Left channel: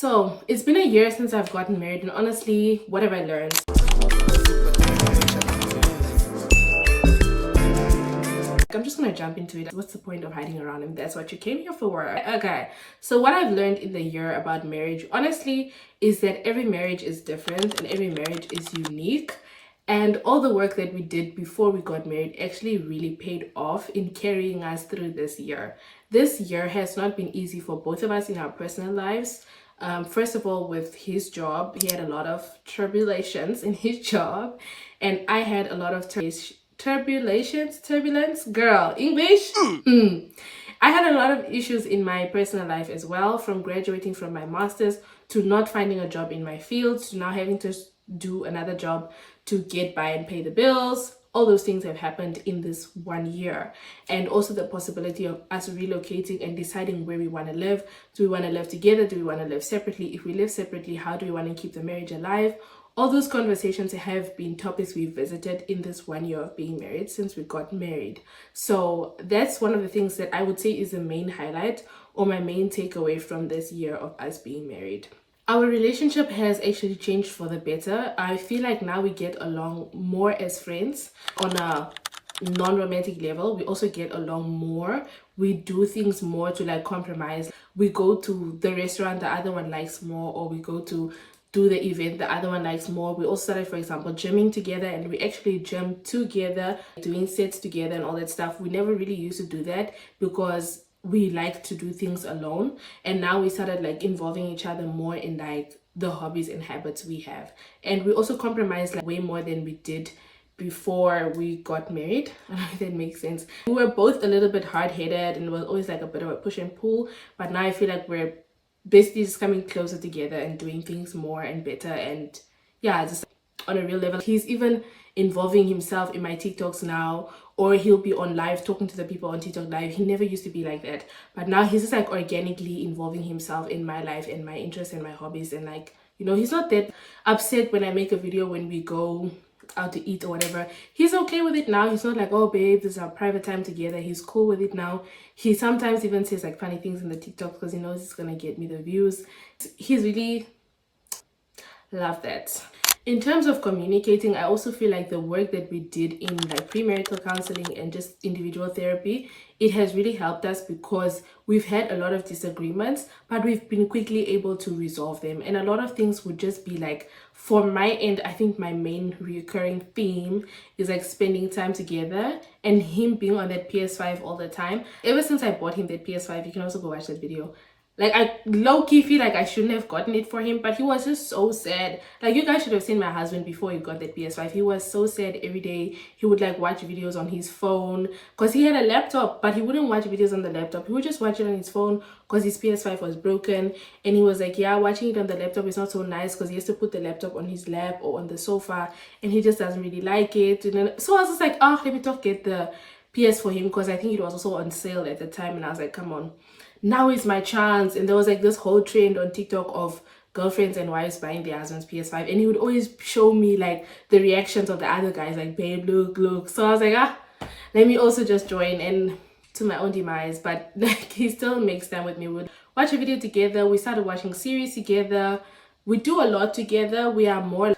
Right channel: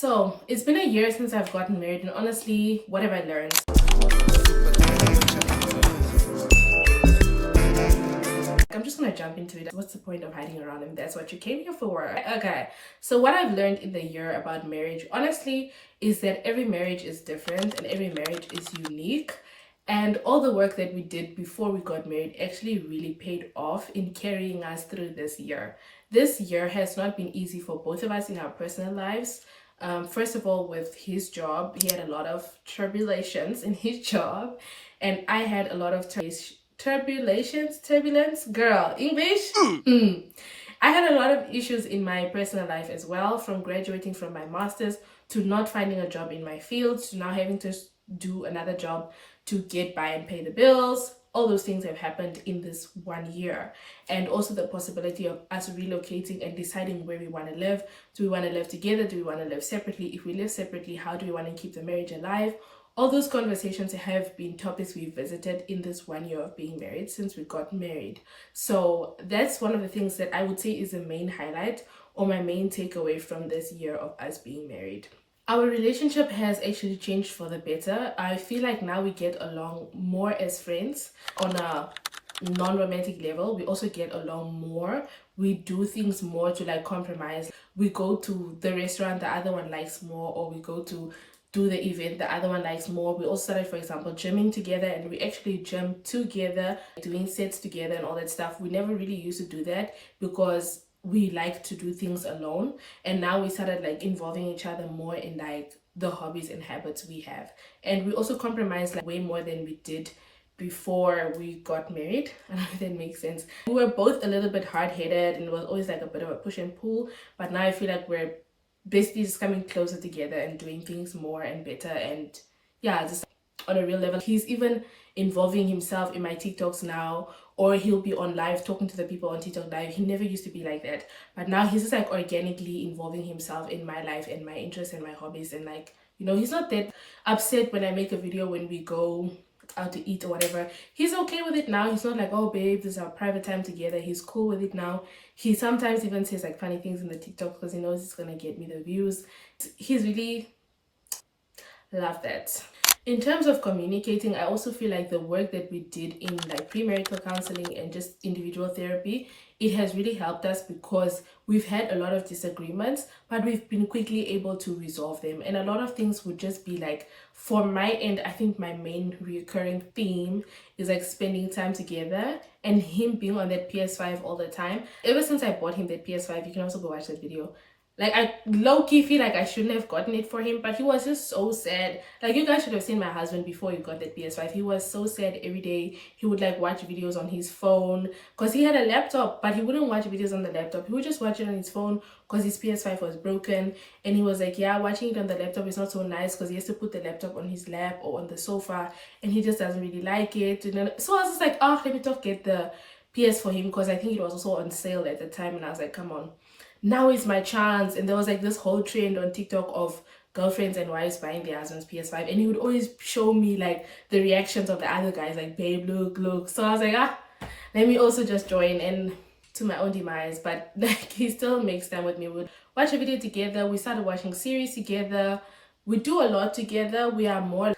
So it's been a year since I've gotten married, and honestly, what have I learned? I'm just gonna jump into it. What's the point of hiding around him? That's what you came here for. Okay, so what I've learned in the year about marriage, honestly, is that every marriage is different and every marriage is unique. And all the work that we did before we got married actually really paid off in carrying us through this year. This year has not been easy for both of us in our personal lives. First of all, with his job, he had a lot of tribulations in his job, and I had a lot of turbulence, girl, English. I had a lot of issues in my personal life as well, from graduating from my master's to not finding a job in my field to now having to do another job to get by and pay the bills. All those things have happened in this 1 year, and also the possibility of us relocating and deciding where we want to live. Do we want to live together? Do we want to live separately? If we live separately, how do we want to keep the marriage alive? All those conversations have been topics we've visited in this 1 year of being married since we got married. So that's one of the things that I would say is the main highlight or my main takeaway from this year of us being married. Our relationship has actually changed for the better. I feel like now we get along more as friends on a non-romantic level. We also get along more. We do things more to like compromise. We go to the restaurant the other one likes more, or we go to do the event the other one likes more. We also started, for example, gymming together, and we actually gym together, doing sets together and all that stuff. We never really used to do that because we like to do things alone, and now we started like involving each other more in like the hobbies and habits we have. And we also compromised like way more than we did before we got married. I don't know if that makes sense. We were both a little bit hard-headed and it was always like a bit of a push and pull, but now I feel like we're basically just coming closer together and doing things more and better, and yeah, just on a real level. He's even involving himself in my TikToks now, or he'll be on live talking to the people on TikTok live. He never used to be like that, but now he's just like organically involving himself in my life and my interests and my hobbies, and like, you know, he's not that upset when I make a video when we go out to eat or whatever. He's okay with it now. He's not like, oh babe, this is our private time together. He's cool with it now. He sometimes even says like funny things in the TikTok because he knows it's gonna get me the views. He's really love that. In terms of communicating, I also feel like the work that we did in like premarital counseling and just individual therapy, it has really helped us because we've had a lot of disagreements, but we've been quickly able to resolve them. And a lot of things would just be like, for my end, I think my main recurring theme is like spending time together and him being on that PS5 all the time. Ever since I bought him that PS5, you can also go watch that video. Like, I low-key feel like I shouldn't have gotten it for him, but he was just so sad. Like, you guys should have seen my husband before he got that PS5. He was so sad every day. He would like watch videos on his phone because he had a laptop, but he wouldn't watch videos on the laptop. He would just watch it on his phone because his PS5 was broken. And he was like, yeah, watching it on the laptop is not so nice because he has to put the laptop on his lap or on the sofa, and he just doesn't really like it. And then, so I was just like, oh, let me get the PS for him because I think it was also on sale at the time. And I was like, come on, now is my chance. And there was like this whole trend on TikTok of girlfriends and wives buying their husband's PS5, and he would always show me like the reactions of the other guys, like, babe, look. So I was like, let me also just join, and to my own demise, but like he still makes time with me. We'd watch a video together. We started watching series together. We do a lot together. We are more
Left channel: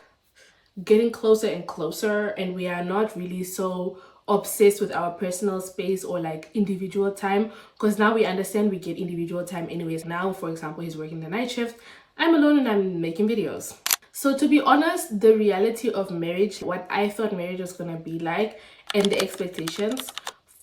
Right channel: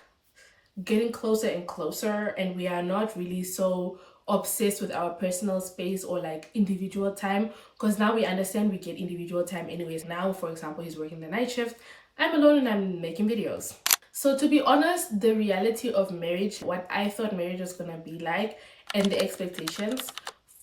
getting closer and closer, and we are not really so obsessed with our personal space or like individual time, because now we understand we get individual time anyways. Now, for example, he's working the night shift, I'm alone and I'm making videos. So to be honest, the reality of marriage, what I thought marriage was gonna be like, and the expectations,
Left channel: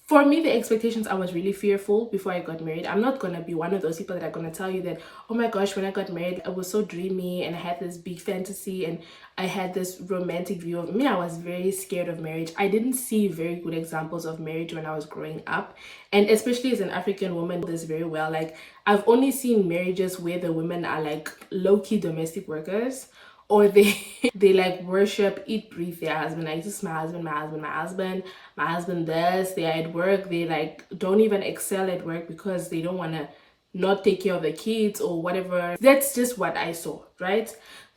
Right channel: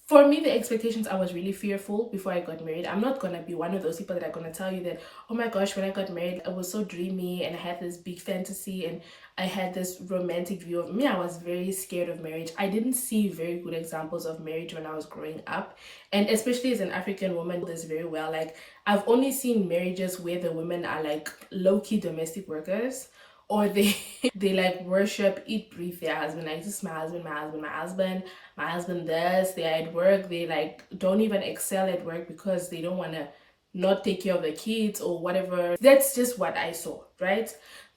for me, the expectations, I was really fearful before I got married. I'm not gonna be one of those people that are gonna tell you that, oh my gosh, when I got married, I was so dreamy and I had this big fantasy and I had this romantic view of me. I was very scared of marriage. I didn't see very good examples of marriage when I was growing up. And especially as an African woman, this very well. Like, I've only seen marriages where the women are like low-key domestic workers, or they like worship, eat, breathe their husband. Like, this is my husband does. They're at work, they like don't even excel at work because they don't want to not take care of the kids or whatever. That's just what I saw, right?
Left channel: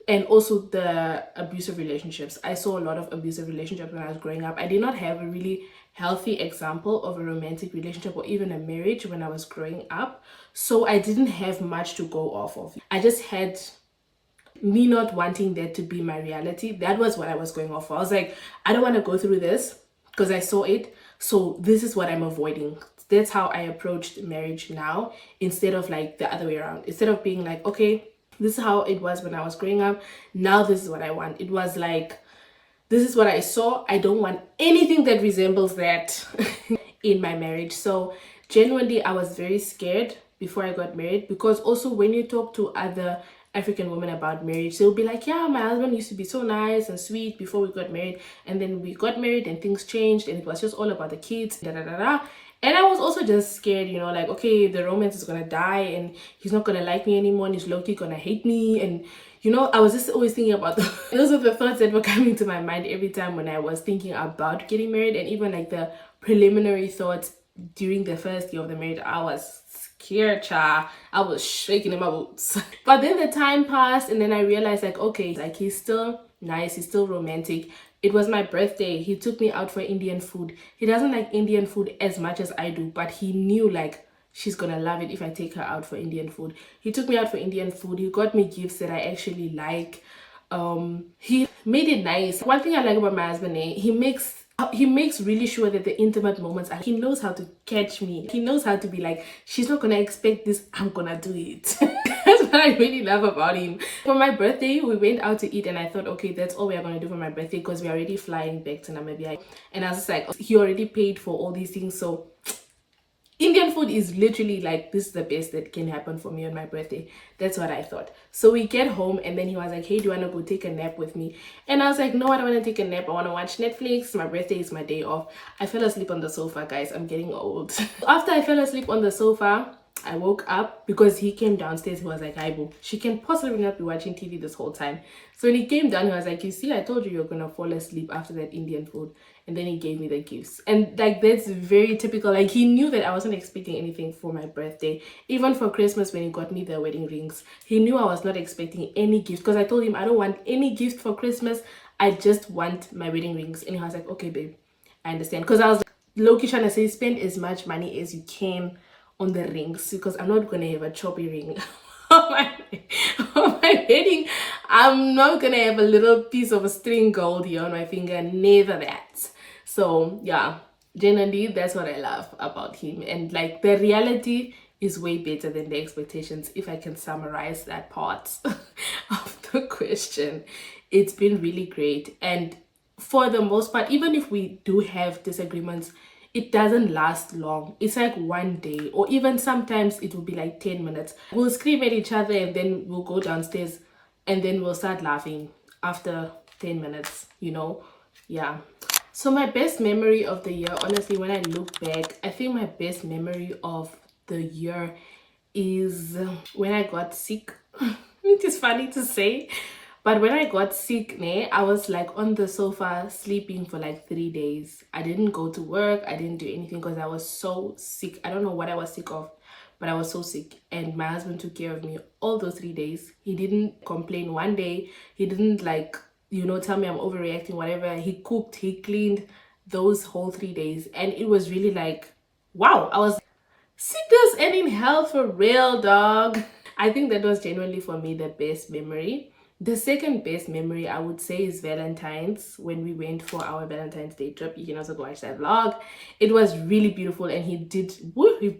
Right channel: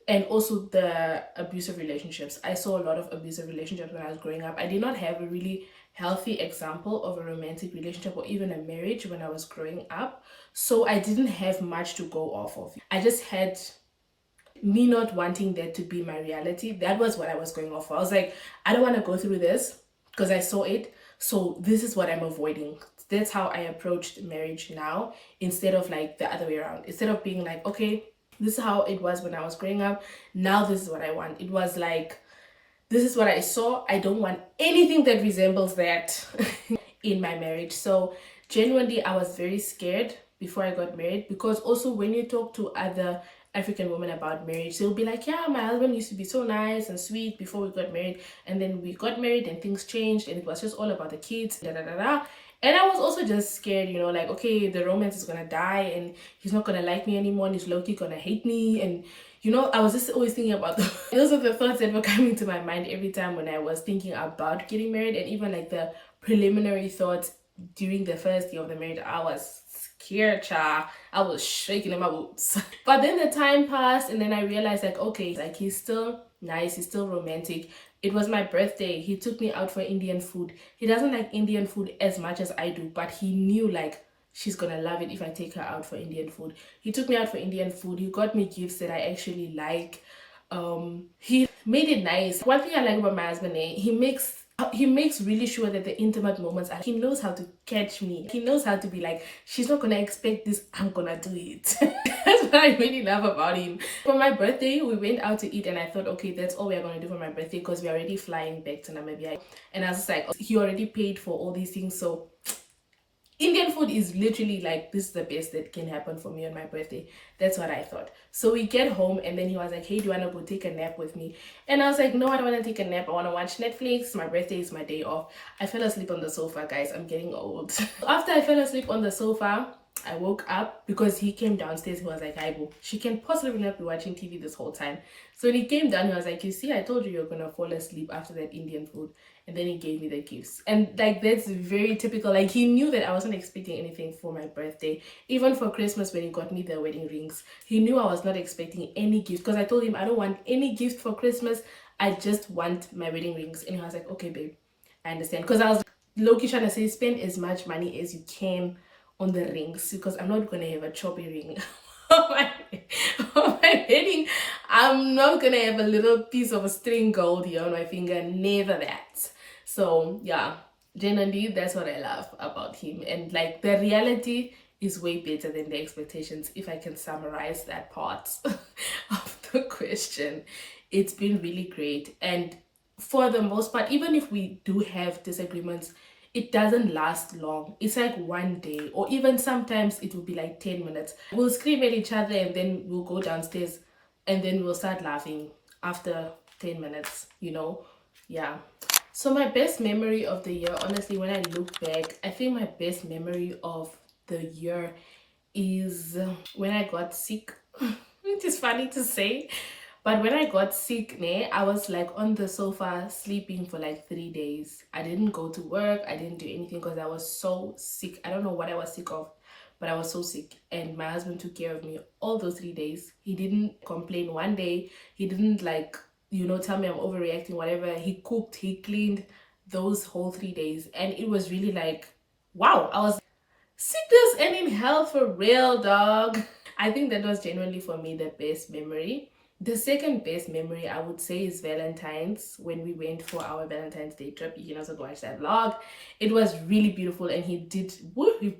And also the abusive relationships. I saw a lot of abusive relationships when I was growing up. I did not have a really healthy example of a romantic relationship or even a marriage when I was growing up. So I didn't have much to go off of. I just had me not wanting that to be my reality. That was what I was going off for. I was like, I don't want to go through this because I saw it. So this is what I'm avoiding. That's how I approached marriage now, instead of like the other way around. Instead of being like, okay, this is how it was when I was growing up. Now this is what I want. It was like, this is what I saw. I don't want anything that resembles that in my marriage. So genuinely, I was very scared before I got married, because also when you talk to other African women about marriage, they'll be like, yeah, my husband used to be so nice and sweet before we got married, and then we got married and things changed and it was just all about the kids, da da da da. And I was also just scared, you know, like, okay, the romance is gonna die and he's not gonna like me anymore and he's low-key gonna hate me. And you know, I was just always thinking about those are the thoughts that were coming to my mind every time when I was thinking about getting married. And even like the preliminary thoughts during the first year of the marriage, I was scared, child. I was shaking in my boots. But then the time passed and then I realized, like, okay, like, he's still nice, he's still romantic. It was my birthday. He took me out for Indian food. He doesn't like Indian food as much as I do, but he knew like she's gonna love it if I take her out for Indian food. He took me out for Indian food. He got me gifts that I actually like. He made it nice. One thing I like about my husband, he makes really sure that the intimate moments he knows how to catch me. He knows how to be like, she's not gonna expect this, I'm gonna do it. That's what I really love about him. For my birthday, we went out to eat and I thought, okay, that's all we're gonna do for my birthday because we're already flying back to Namibia. And I was just like, he already paid for all these things, so Indian food is literally like, this is the best that can happen for me on my birthday. That's what I thought. So we get home and then he was like, hey, do you want to go take a nap with me? And I was like, no, I don't want to take a nap. I want to watch Netflix. My birthday is my day off. I fell asleep on the sofa, guys. I'm getting old. After I fell asleep on the sofa, I woke up because he came downstairs. He was like, hi, boo, she can possibly not be watching TV this whole time. So when he came down, he was like, you see, I told you you're going to fall asleep after that Indian food. And then he gave me the gifts. And like, that's very typical. Like, he knew that I wasn't expecting anything for my birthday. Even for Christmas, when he got me the wedding rings, he knew I was not expecting any gift, because I told him I don't want any gift for Christmas. I just want my wedding rings. And he was like, okay, babe, I understand. Because I was low-key trying to say, spend as much money as you can on the rings, because I'm not gonna have a choppy ring on my wedding. I'm not gonna have a little piece of a string gold here on my finger, never that. So yeah, generally that's what I love about him. And like, the reality is way better than the expectations, if I can summarize that part of the question. It's been really great, and for the most part, even if we do have disagreements, it doesn't last long. It's like one day, or even sometimes it will be like 10 minutes. We'll scream at each other and then we'll go downstairs and then we'll start laughing after 10 minutes, you know? Yeah. So my best memory of the year, honestly, when I look back, I think my best memory of the year is when I got sick. Which is funny to say, but when I got sick, I was like on the sofa sleeping for like 3 days. I didn't go to work. I didn't do anything because I was so sick. I don't know what I was sick of, but I was so sick. And my husband took care of me all those 3 days. He didn't complain one day. He didn't like, you know, tell me I'm overreacting, whatever. He cooked, he cleaned those whole 3 days. And it was really like, wow, I was sickness and in health for real, dog. I think that was genuinely for me the best memory. The second best memory I would say is Valentine's, when we went for our Valentine's Day trip. You can also go watch that vlog. It was really beautiful, and he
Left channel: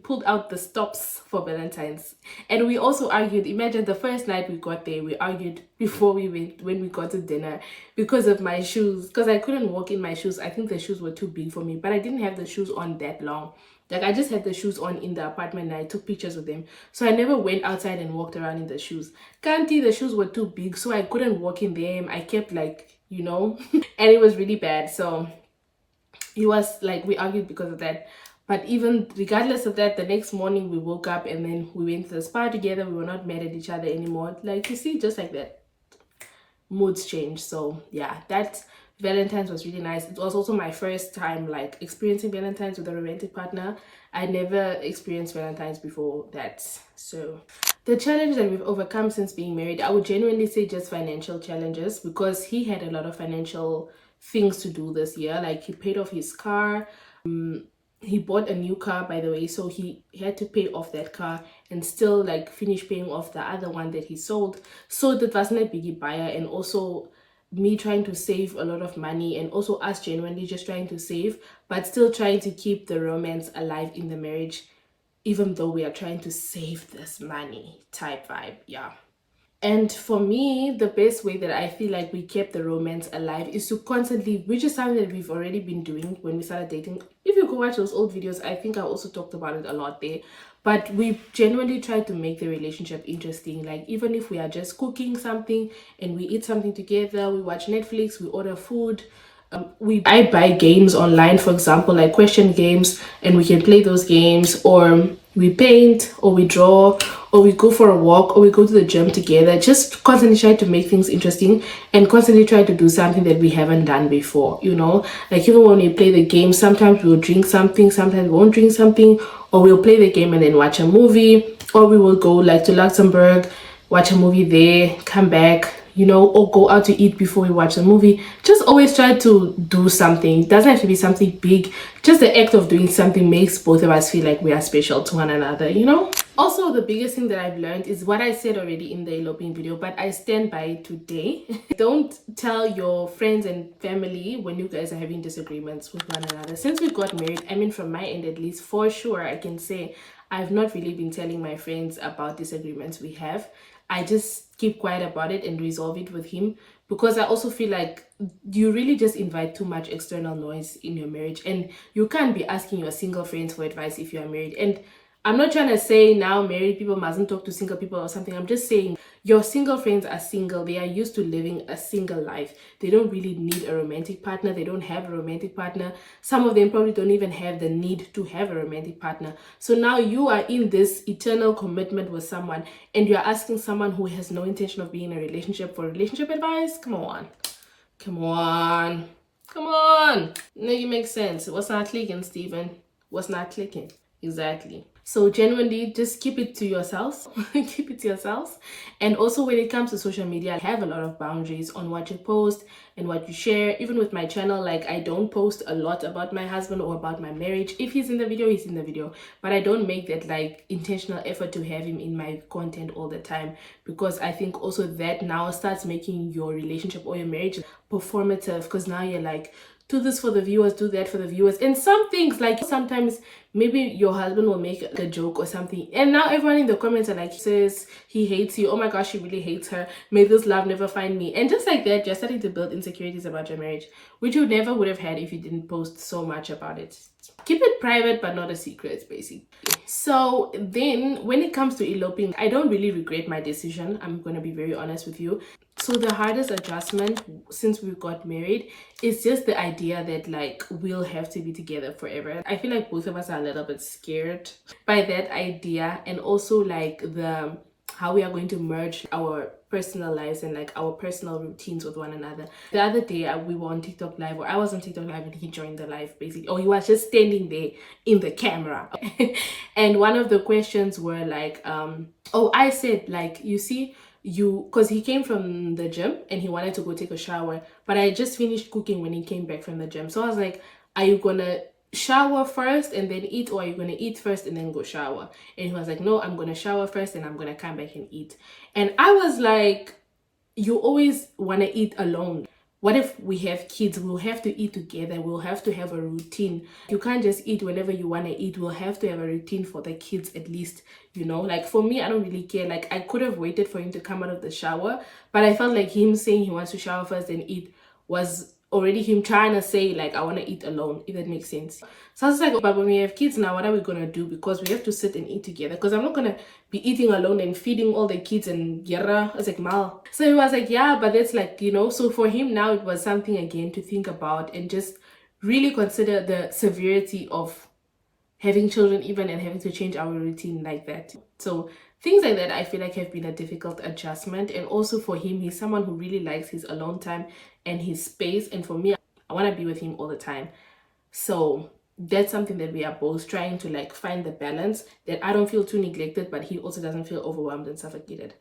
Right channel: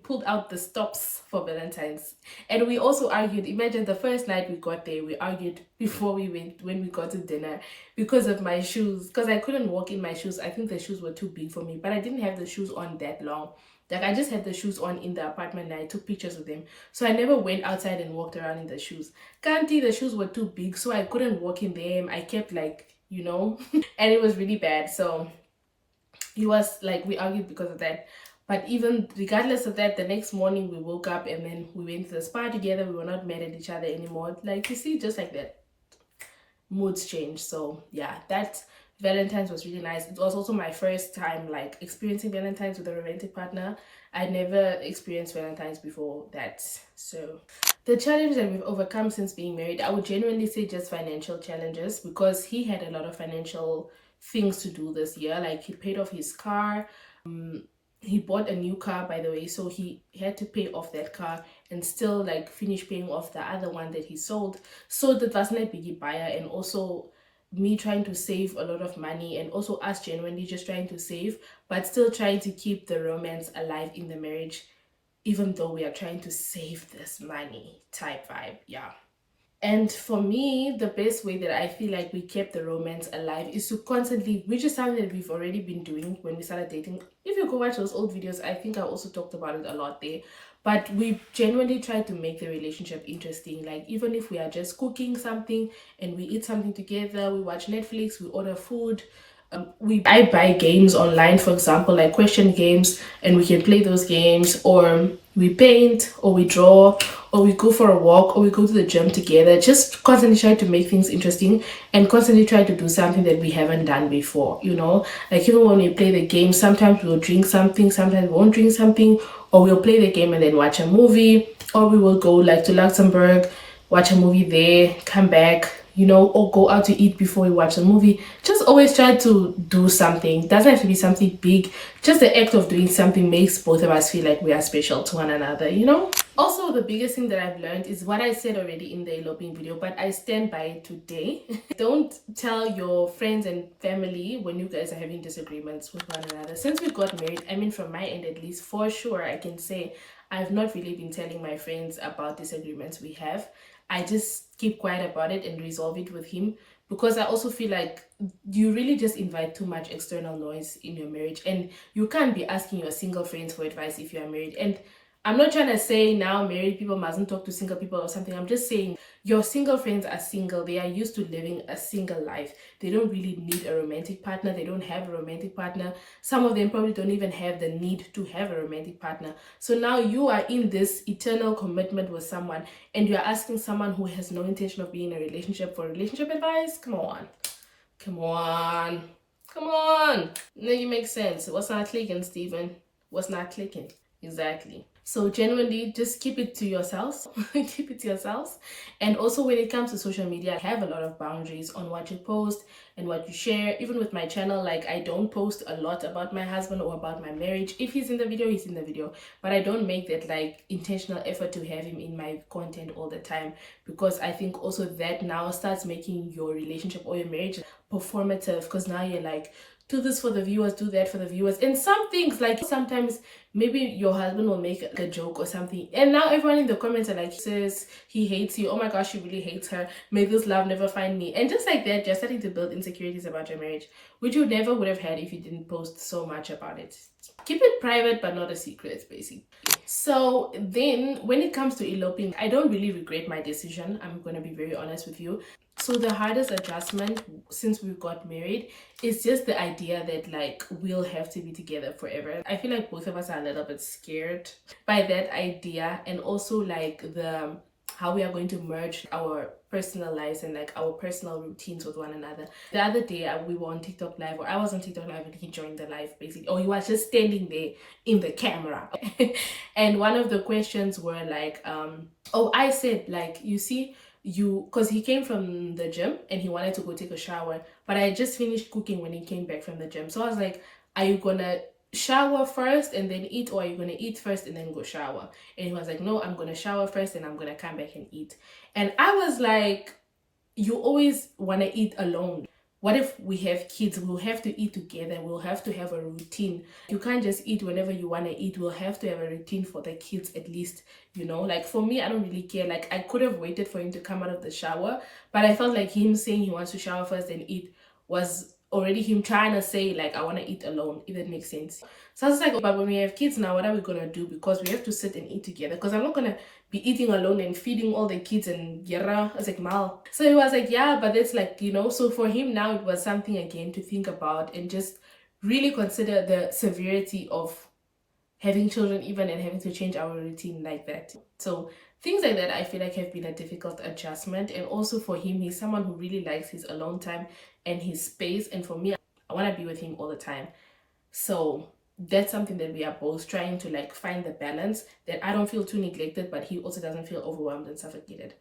pulled out the stops for Valentine's. And we also argued. Imagine the first night we got there, we argued before we went, when we got to dinner, because of my shoes, because I couldn't walk in my shoes. I think the shoes were too big for me, but I didn't have the shoes on that long. Like, I just had the shoes on in the apartment and I took pictures with them. So I never went outside and walked around in the shoes. Kanti, the shoes were too big, so I couldn't walk in them. I kept like, you know, and it was really bad. So it was like, we argued because of that. But even regardless of that, the next morning we woke up and then we went to the spa together. We were not mad at each other anymore. Like, you see, just like that, moods change. So yeah, that Valentine's was really nice. It was also my first time like experiencing Valentine's with a romantic partner. I never experienced Valentine's before that. So the challenge that we've overcome since being married, I would genuinely say just financial challenges, because he had a lot of financial things to do this year. Like, he paid off his car, He bought a new car, by the way, so he had to pay off that car and still like finish paying off the other one that he sold. So that wasn't a biggie buyer, and also me trying to save a lot of money, and also us genuinely just trying to save but still trying to keep the romance alive in the marriage, even though we are trying to save this money type vibe. Yeah. And for me, the best way that I feel like we kept the romance alive is to constantly, which is something that we've already been doing when we started dating. If you go watch those old videos, I think I also talked about it a lot there. But we genuinely try to make the relationship interesting. Like, even if we are just cooking something and we eat something together, we watch Netflix, we order food, I buy games online, for example, like question games, and we can play those games, or we paint, or we draw, or we go for a walk, or we go to the gym together. Just constantly try to make things interesting and constantly try to do something that we haven't done before, you know? Like, even when we play the game, sometimes we'll drink something, sometimes we won't drink something, or we'll play the game and then watch a movie, or we will go like to Luxembourg, watch a movie there, come back, you know, or go out to eat before we watch the movie. Just always try to do something. It doesn't have to be something big. Just the act of doing something makes both of us feel like we are special to one another, you know? Also, the biggest thing that I've learned is what I said already in the eloping video, but I stand by it today. Don't tell your friends and family when you guys are having disagreements with one another. Since we got married, I mean, from my end at least, for sure, I can say I've not really been telling my friends about disagreements we have. I just keep quiet about it and resolve it with him, because I also feel like you really just invite too much external noise in your marriage, and you can't be asking your single friends for advice if you are married. And I'm not trying to say now married people mustn't talk to single people or something. I'm just saying your single friends are single. They are used to living a single life. They don't really need a romantic partner. They don't have a romantic partner. Some of them probably don't even have the need to have a romantic partner. So now you are in this eternal commitment with someone, and you're asking someone who has no intention of being in a relationship for relationship advice. Come on. Come on. Come on. No, you make sense. What's not clicking, Stephen? What's not clicking? Exactly. So genuinely just keep it to yourselves. Keep it to yourselves. And also when it comes to social media, I have a lot of boundaries on what you post and what you share. Even with my channel, like, I don't post a lot about my husband or about my marriage. If he's in the video, he's in the video. But I don't make that like intentional effort to have him in my content all the time, because I think also that now starts making your relationship or your marriage performative, because now you're like, do this for the viewers, do that for the viewers. And some things, like, sometimes maybe your husband will make a joke or something, and now everyone in the comments are like, says he hates you, oh my gosh, she really hates her, may this love never find me. And just like that, you're starting to build insecurities about your marriage, which you never would have had if you didn't post so much about it. Keep it private but not a secret, basically. So then when it comes to eloping, I don't really regret my decision. I'm gonna be very honest with you. So the hardest adjustment since we got married is just the idea that like we'll have to be together forever. I feel like both of us are a little bit scared by that idea, and also like the how we are going to merge our personal lives and like our personal routines with one another. The other day we were on TikTok live, or I was on TikTok live, and he joined the live basically, or he was just standing there in the camera. And one of the questions were like, oh, I said like, you see, you, because he came from the gym and he wanted to go take a shower, but I just finished cooking when he came back from the gym. So I was like, are you gonna shower first and then eat, or are you gonna eat first and then go shower? And he was like, no, I'm gonna shower first and I'm gonna come back and eat. And I was like, you always want to eat alone. What if we have kids? We'll have to eat together. We'll have to have a routine. You can't just eat whenever you want to eat. We'll have to have a routine for the kids at least, you know? Like, for me, I don't really care. Like, I could have waited for him to come out of the shower, but I felt like him saying he wants to shower first and eat was already him trying to say like, I want to eat alone, if that makes sense. So I was like, but when we have kids now, what are we gonna do? Because we have to sit and eat together, because I'm not gonna be eating alone and feeding all the kids and yara. I was like, mal. So he was like, yeah, but that's like, you know. So for him now, it was something again to think about and just really consider the severity of having children, even, and having to change our routine like that. So things like that I feel like have been a difficult adjustment. And also for him, he's someone who really likes his alone time and his space, and for me, I want to be with him all the time. So that's something that we are both trying to like find the balance, that I don't feel too neglected, but he also doesn't feel overwhelmed and suffocated.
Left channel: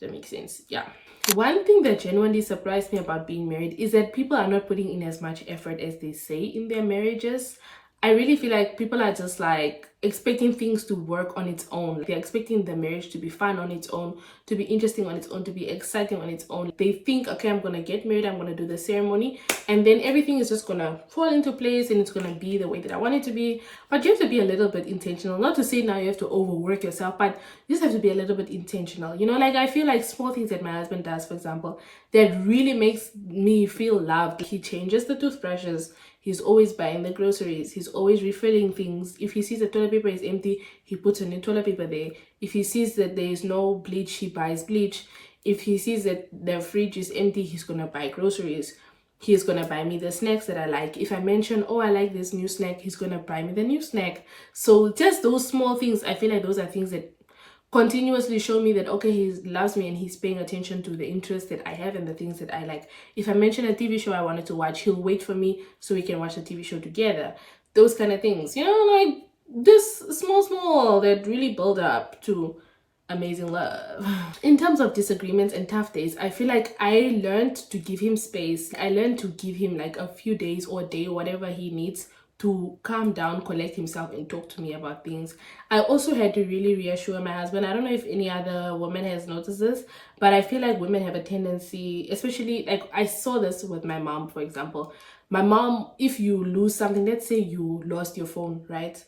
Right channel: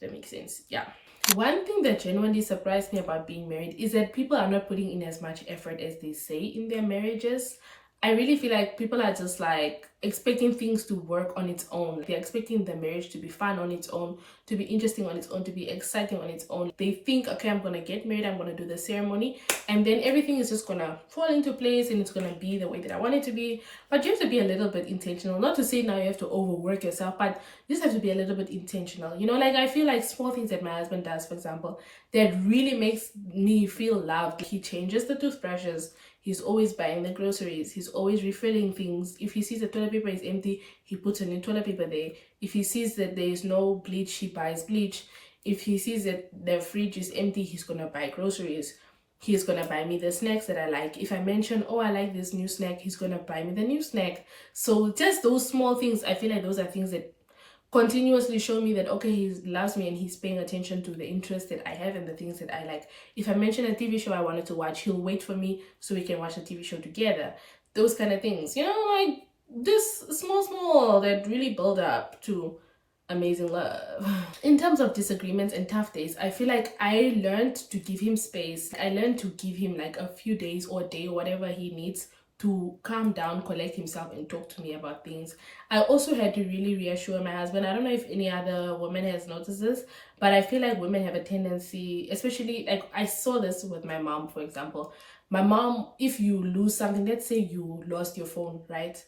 That makes sense. Yeah. One thing that genuinely surprised me about being married is that people are not putting in as much effort as they say in their marriages. I really feel like people are just like expecting things to work on its own. They're expecting the marriage to be fun on its own, to be interesting on its own, to be exciting on its own. They think, okay, I'm gonna get married, I'm gonna do the ceremony, and then everything is just gonna fall into place and it's gonna be the way that I want it to be. But you have to be a little bit intentional. Not to say now you have to overwork yourself, but you just have to be a little bit intentional. You know, like I feel like small things that my husband does, for example, that really makes me feel loved. He changes the toothbrushes. He's always buying the groceries. He's always refilling things. If he sees the toilet paper is empty, he puts a new toilet paper there. If he sees that there is no bleach, he buys bleach. If he sees that the fridge is empty, he's going to buy groceries. He's going to buy me the snacks that I like. If I mention, oh, I like this new snack, he's going to buy me the new snack. So just those small things, I feel like those are things that continuously show me that, okay, he loves me and he's paying attention to the interests that I have and the things that I like. If I mention a TV show I wanted to watch, he'll wait for me so we can watch the TV show together. Those kind of things, you know, like this small that really build up to amazing love. In terms of disagreements and tough days, I feel like I learned to give him space. I learned to give him like a few days or a day, whatever he needs, to calm down, collect himself, and talk to me about things. I also had to really reassure my husband. I don't know if any other woman has noticed this, but I feel like women have a tendency, especially like I saw this with my mom, for example. My mom, if you lose something, let's say you lost your phone, right?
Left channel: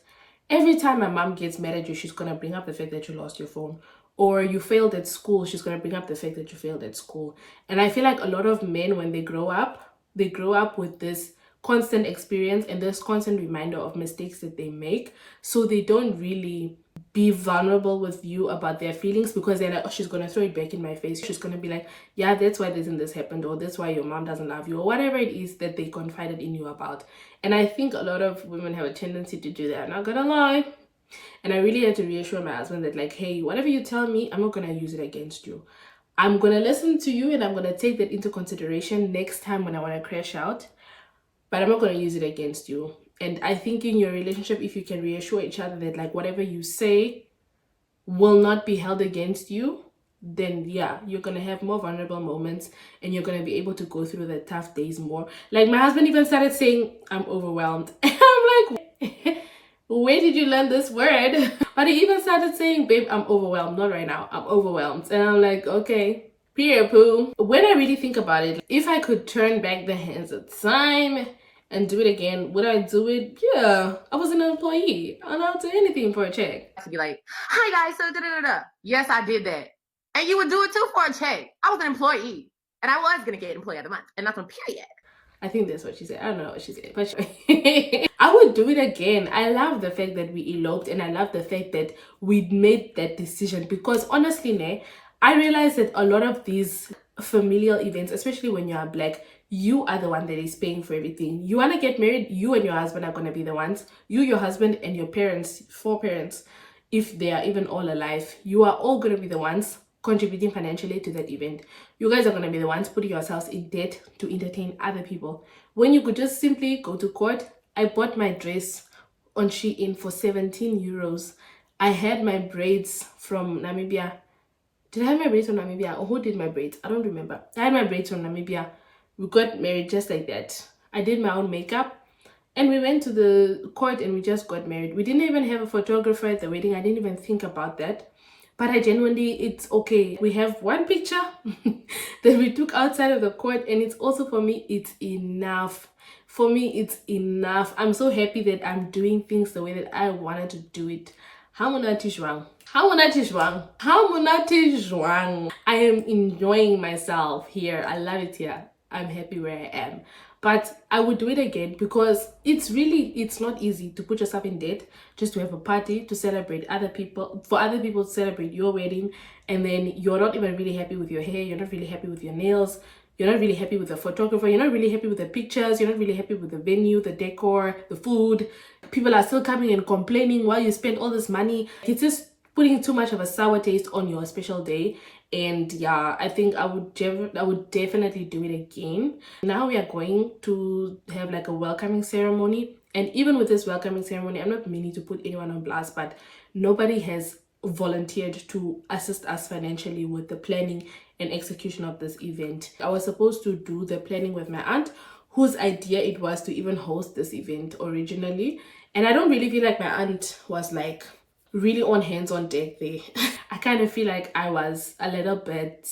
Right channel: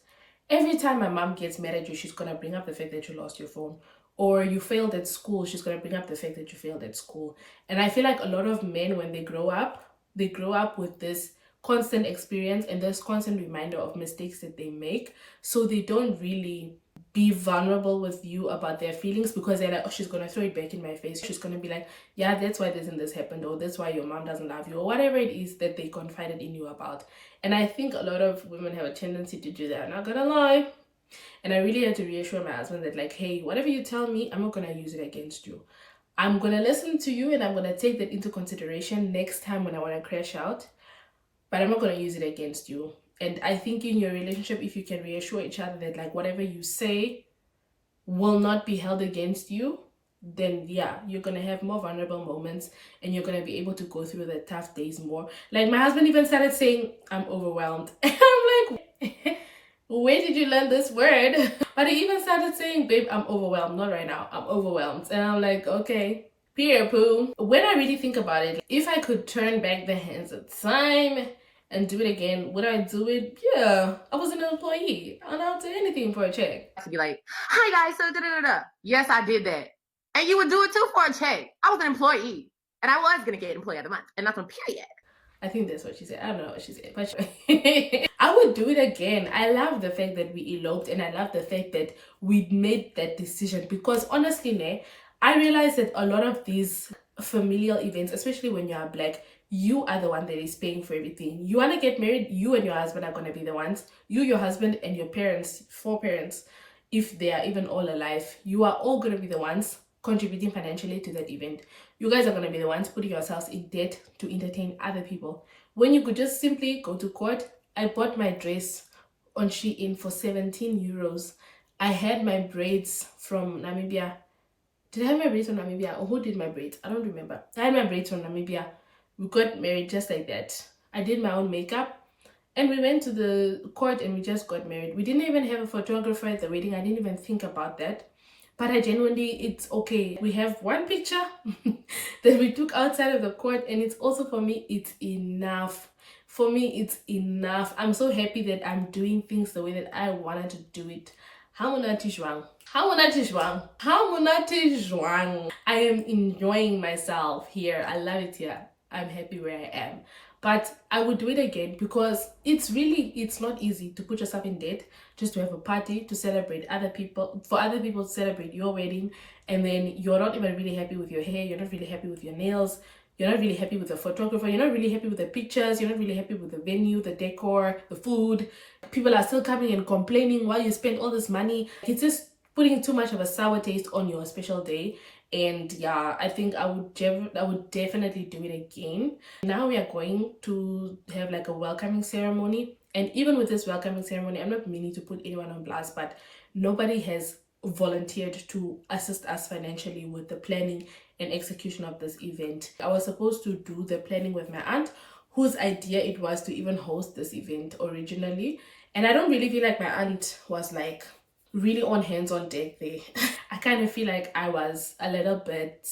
Every time my mom gets mad at you, she's gonna bring up the fact that you lost your phone. Or you failed at school, she's gonna bring up the fact that you failed at school. And I feel like a lot of men, when they grow up with this constant experience and this constant reminder of mistakes that they make. So they don't really be vulnerable with you about their feelings, because they're like, oh, she's gonna throw it back in my face. She's gonna be like, yeah, that's why this and this happened, or that's why your mom doesn't love you, or whatever it is that they confided in you about. And I think a lot of women have a tendency to do that, I'm not gonna lie. And I really had to reassure my husband that, like, hey, whatever you tell me, I'm not gonna use it against you. I'm gonna listen to you and I'm gonna take that into consideration next time when I want to crash out, but I'm not going to use it against you. And I think in your relationship, if you can reassure each other that like whatever you say will not be held against you, then yeah, you're going to have more vulnerable moments and you're going to be able to go through the tough days more. Like my husband even started saying, I'm overwhelmed. And I'm like, where did you learn this word? But he even started saying, babe, I'm overwhelmed. Not right now. I'm overwhelmed. And I'm like, okay. Peer poo. When I really think about it, if I could turn back the hands of time and do it again, would I do it? Yeah. I was an employee. And I'll do anything for a check. To be like, hi guys, so da-da-da-da. Yes, I did that. And you would do it too for a check. I was an employee. And I was going to get employee of the month. And that's on period. I think that's what she said. I don't know what she said, but I would do it again. I love the fact that we eloped, and I love the fact that we made that decision, because honestly, I realized that a lot of these familial events, especially when you are Black, you are the one that is paying for everything. You want to get married, you and your husband are going to be the ones. You, your husband, and your parents, 4 parents, if they are even all alive, you are all going to be the ones contributing financially to that event. You guys are going to be the ones putting yourselves in debt to entertain other people, when you could just simply go to court. I bought my dress on Shein for 17 euros. I had my braids from Namibia. Did I have my braids from Namibia, or who did my braids? I don't remember. I had my braids from Namibia. We got married just like that. I did my own makeup and we went to the court and we just got married. We didn't even have a photographer at the wedding. I didn't even think about that. But I genuinely, it's okay. We have one picture that we took outside of the court, and it's also, for me, it's enough. For me, it's enough. I'm so happy that I'm doing things the way that I wanted to do it. I am enjoying myself here. I love it here. I'm happy where I am. But I would do it again, because it's not easy to put yourself in debt just to have a party to celebrate other people, for other people to celebrate your wedding, and then you're not even really happy with your hair, you're not really happy with your nails, you're not really happy with the photographer, you're not really happy with the pictures, you're not really happy with the venue, the decor, the food. People are still coming and complaining while you spend all this money. It's just putting too much of a sour taste on your special day. And yeah, I think I would definitely do it again. Now we are going to have like a welcoming ceremony, and even with this welcoming ceremony, I'm not meaning to put anyone on blast, but nobody has volunteered to assist us financially with the planning and execution of this event. I was supposed to do the planning with my aunt, whose idea it was to even host this event originally, And I don't really feel like my aunt was like really on hands on deck there. I kind of feel like I was a little bit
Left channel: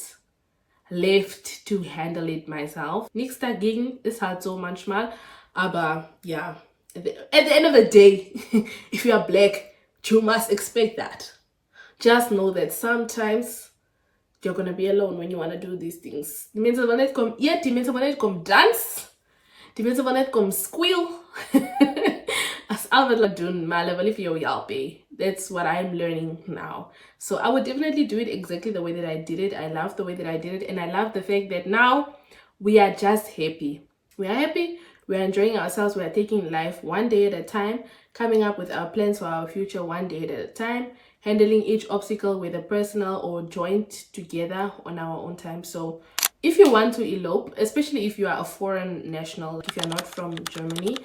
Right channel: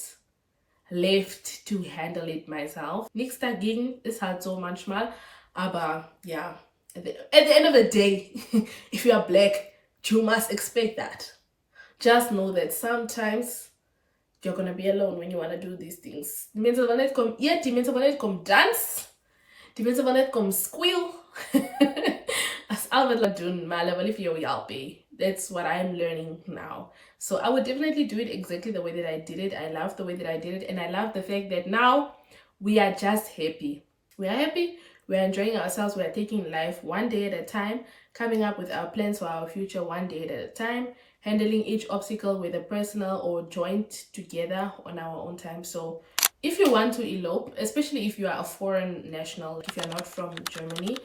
left to handle it myself. Nichts dagegen ist halt so manchmal, aber ja, at the end of the day, if you are black, you must expect that. Just know that sometimes you're gonna be alone when you wanna do these things. Die mensen van net kom eet, die mensen van net kom dans, die mensen van net kom squeal. As al wat doen, maar hulle wil nie vir jou help. That's what I'm learning now. So I would definitely do it exactly the way that I did it. I love the way that I did it, and I love the fact that now we are just happy. We are happy, we are enjoying ourselves, we are taking life one day at a time, coming up with our plans for our future one day at a time, handling each obstacle, whether personal or joint, together on our own time. So if you want to elope, especially if you are a foreign national, if you're not from Germany,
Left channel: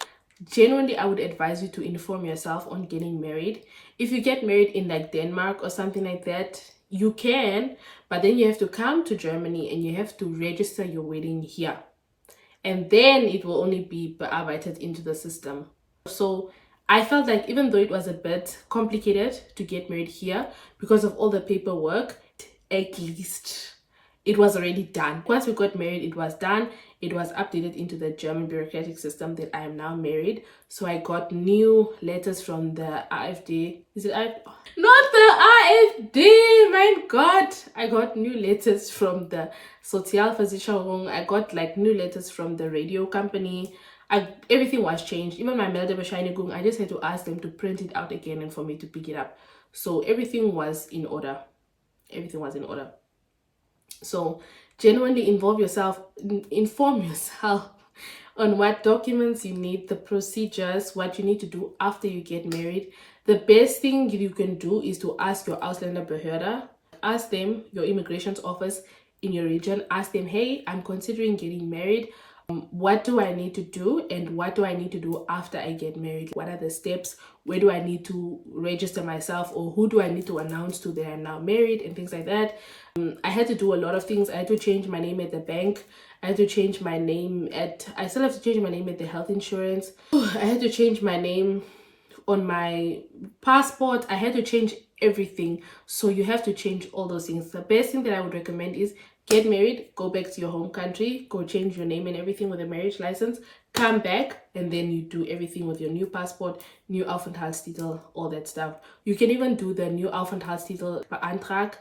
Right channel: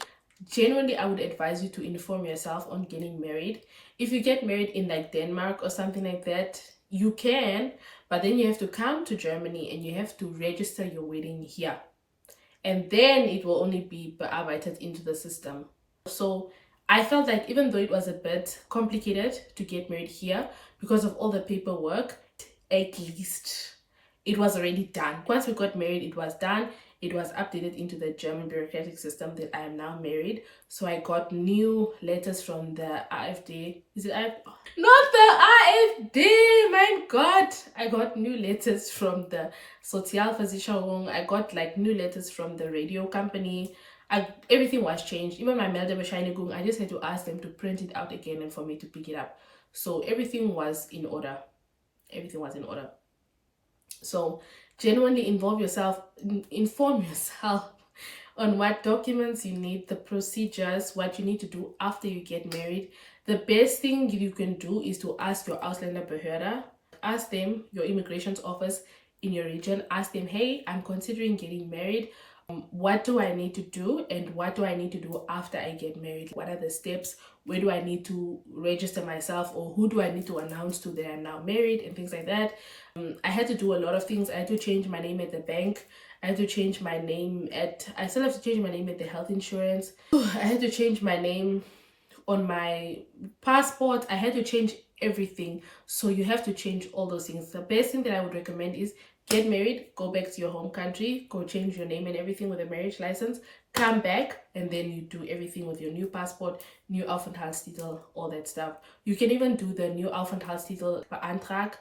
genuinely I would advise you to inform yourself on getting married. If you get married in like Denmark or something like that, you can, but then you have to come to Germany and you have to register your wedding here, and then it will only be bearbeitet into the system. So I felt like even though it was a bit complicated to get married here because of all the paperwork, at least it was already done. Once we got married, it was done. It was updated into the German bureaucratic system that I am now married. So I got new letters from the AfD. Is it AfD? Not the AfD, my God. I got new letters from the Sozialversicherung. I got like new letters from the radio company. Everything was changed. Even my Meldebescheinigung, I just had to ask them to print it out again and for me to pick it up. So everything was in order. Everything was in order. So genuinely inform yourself on what documents you need, the procedures, what you need to do after you get married. The best thing you can do is to ask your Ausländerbehörde, ask them, your immigration office in your region, ask them, hey, I'm considering getting married. What do I need to do, and what do I need to do after I get married? What are the steps? Where do I need to register myself, or who do I need to announce to that I'm now married, and things like that. I had to do a lot of things. I had to change my name at the bank. I had to change my name I still have to change my name at the health insurance. I had to change my name on my passport. I had to change everything. So you have to change all those things. The best thing that I would recommend is get married, go back to your home country, go change your name and everything with a marriage license, come back, and then you do everything with your new passport, new Aufenthaltstitel, all that stuff. You can even do the new Aufenthaltstitel beantrag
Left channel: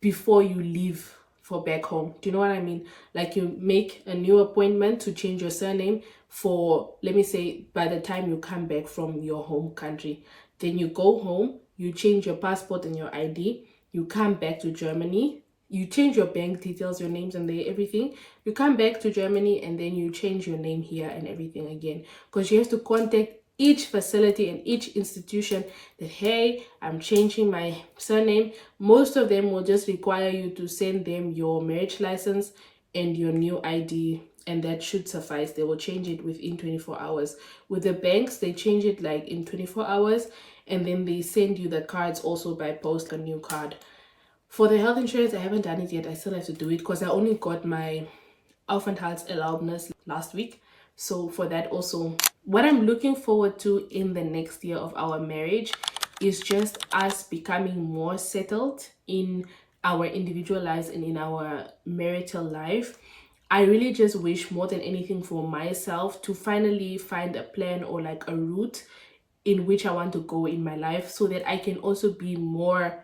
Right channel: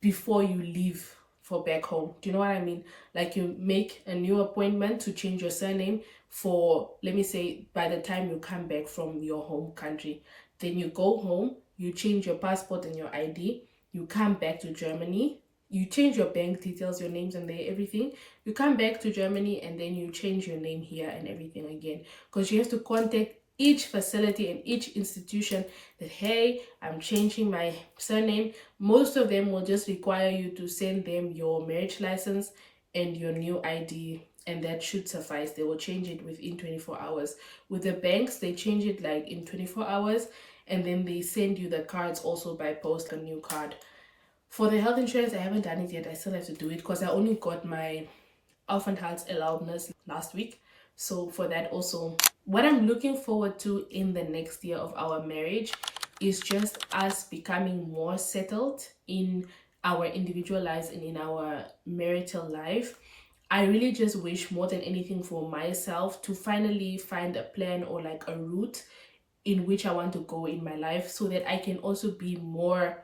before you leave for back home. Do you know what I mean? Like you make a new appointment to change your surname for, let me say, by the time you come back from your home country. Then you go home, you change your passport and your ID, you come back to Germany, you change your bank details, your names and everything. You come back to Germany and then you change your name here and everything again. Because you have to contact each facility and each institution that, hey, I'm changing my surname. Most of them will just require you to send them your marriage license and your new ID, and that should suffice. They will change it within 24 hours. With the banks, they change it like in 24 hours, and then they send you the cards also by post, a new card. For the health insurance, I haven't done it yet. I still have to do it because I only got my Aufenthaltserlaubnis last week. So for that also, what I'm looking forward to in the next year of our marriage is just us becoming more settled in our individual lives and in our marital life. I really just wish more than anything for myself to finally find a plan or like a route in which I want to go in my life so that I can also be more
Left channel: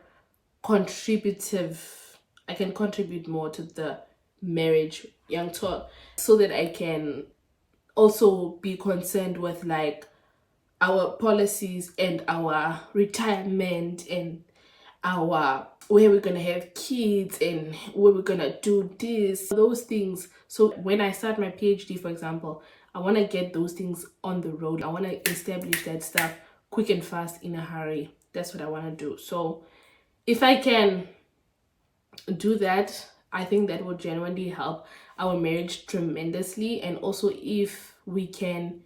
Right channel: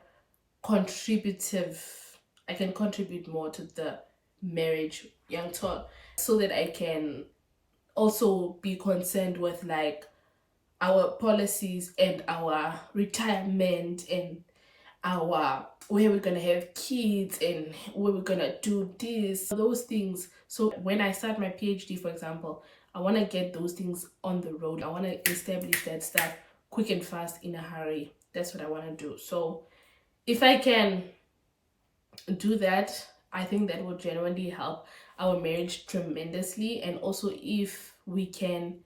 contributive. I can contribute more to the marriage, young talk, so that I can also be concerned with like our policies and our retirement and our where we're gonna have kids and where we're gonna do this, those things. So when I start my PhD, for example, I want to get those things on the road. I want to establish that stuff quick and fast in a hurry. That's what I want to do. So if I can do that, I think that will genuinely help our marriage tremendously. And also if we can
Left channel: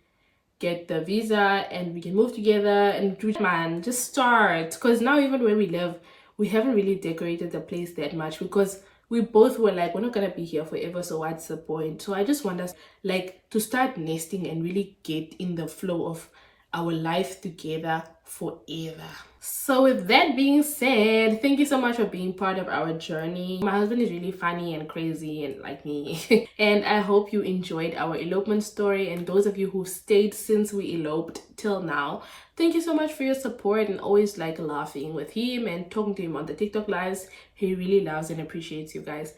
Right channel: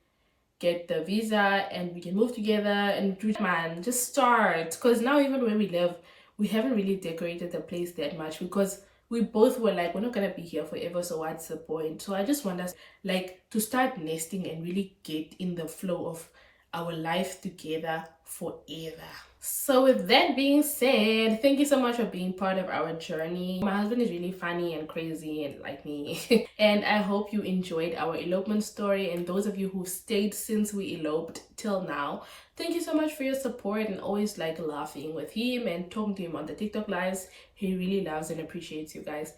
get the visa and we can move together and do, man, just start. Because now even where we live, we haven't really decorated the place that much because we both were like, we're not gonna be here forever, so what's the point? So I just want us like to start nesting and really get in the flow of our life together forever. So with that being said, thank you so much for being part of our journey. My husband is really funny and crazy and like me. And I hope you enjoyed our elopement story, and those of you who stayed since we eloped till now, thank you so much for your support and always like laughing with him and talking to him on the TikTok lives. He really loves and appreciates you guys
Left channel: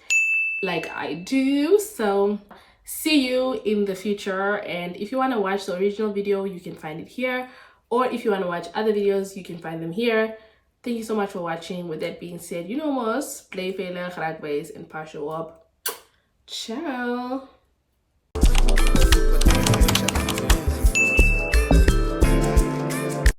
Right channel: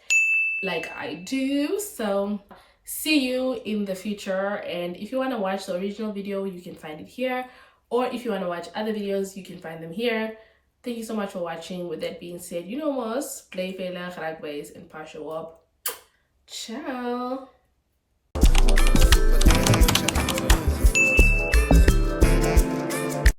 like I do. So see you in the future, and if you want to watch the original video, you can find it here, or if you want to watch other videos, you can find them here. Thank you so much for watching. With that being said, you know most, play veilig, raak base, and pas jou op. Ciao.